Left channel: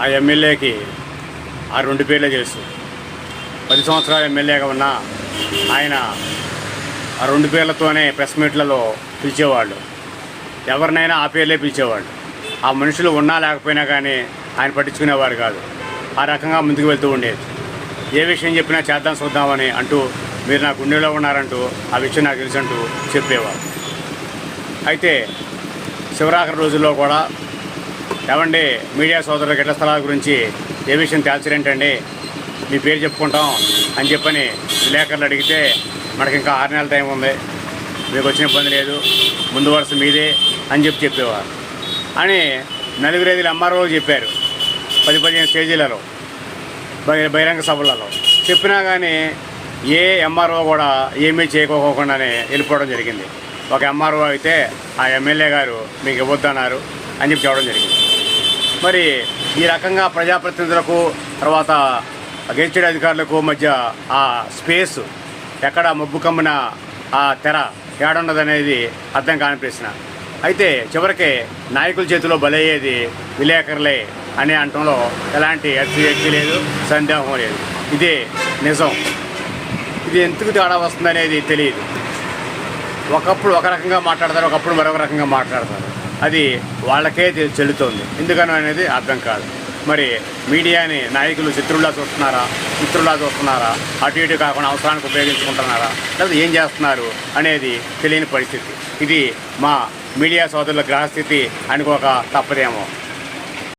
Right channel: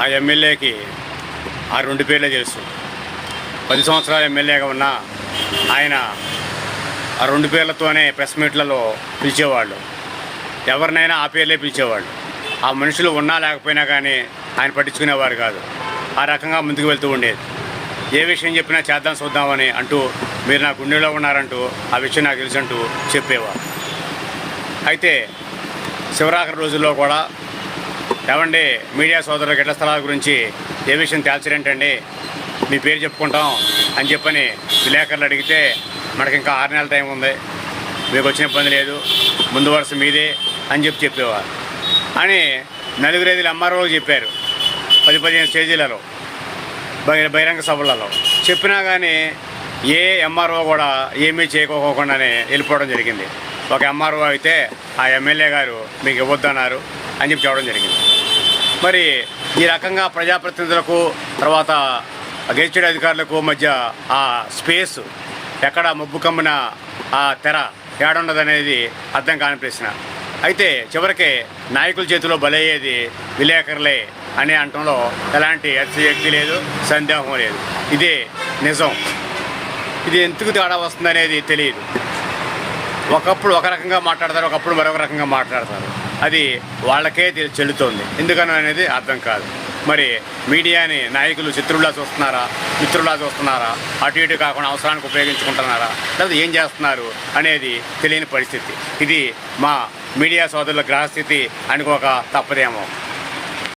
ఆ ఎమ్మెల్యేకి ఆ 2 పేర్లే తెలుసు. 10 సంవత్సరాలు ఎమ్మెల్యేగా ఉన్న ఆయన ఆ 2 పేర్లతోనే ప్రెస్ మీట్లలో పిలిచేవాళ్ళు. ఎవరినైనా ఆ పేర్లే పిలిచేవాళ్ళు. ఆ మనుషులు ఉన్నా లేకపోయినా కానీ ఆయన పట్టించుకునేవారు కాదు. ఆ రకంగా ముందుకు వెళ్తూ ఉండేది. ఏ విషయం చెప్పినా చేద్దాం చూద్దామని అంటూ, మీరు నా గుండెలో ఉన్నారంటూ, ఆ విషయం నాకు తెలుసంటూ చెప్పేవారు. అయితే శివరాఖరి రోజుల్లో కూడా, ఏమండి మీడియా సోదరులకు ఇళ్ల స్థలాల గురించి ఏ విషయం తేల్చరేంటండి, మీ పేరు చెప్పుకుంటాం అని చెప్పని విలేకరులు అడిగితే, మనకి ఇంకా 6 నెలల టైం ఉంది, మీకు వచ్చిన ఇబ్బంది లేదు, ముందు వరుస మీదే అని చెప్పేవారు అని 4-5 ఎంఆర్ఓలు చెప్పారు. 10-15 స్టేజీలలో, బహిరంగ సభలలో చెప్పినా కానీ ఏ ఎంఆర్ఓ కూడా ఏమీ చేయకోకుండానే వెళ్ళిపోవడం జరిగింది. ఒక ఎంఆర్ఓ అయితే ఆ ఎమ్మెల్యే గారు మీకు ఇవ్వద్దన్నారు అని చెప్పడం జరిగింది. మరి ఈ రకంగా ప్రజాప్రతినిధులకు తర్వాత గెజిటెడ్ అధికారులకు మధ్య ఆ స్పేస్ ఎక్కడ మబ్బు కమ్మిన ఆ తెర ఏడున్నదనేది అర్థం కాని ప్రశ్న. అయితే చివరికి నాయకుల చేతిలో బలయ్యేది విలేకరులే అనే అంటంలో ఎలాంటి అతిశయోక్తి లేదు, సందేహం లేదు. ఇదే నిజం. ఇది ఎందుకు తేడా వస్తుందనేది తెలియదు. ఒకప్పుడు ఒక రకంగా మాట్లాడతారు, ఒకప్పుడు మరొక రకంగా మాట్లాడతారు. అది వాళ్ళకే చెల్లుతోంది. ఎందుకని అనేది అర్థం కాదు. మరి మీడియాని నాయకులు శత్రువులా చూస్తున్నారా, మిత్రులా చూస్తున్నారా, అటు ఇటు కాకుండా అవసరానికి ఉపయోగించుకుంటున్నారా, లేదా ఏం చేస్తున్నారు అనేది తెలియని పరిస్థితి. ఇది మా మీడియా సోదరుల గ్రహస్థితి అనుకోక తప్పదేమో.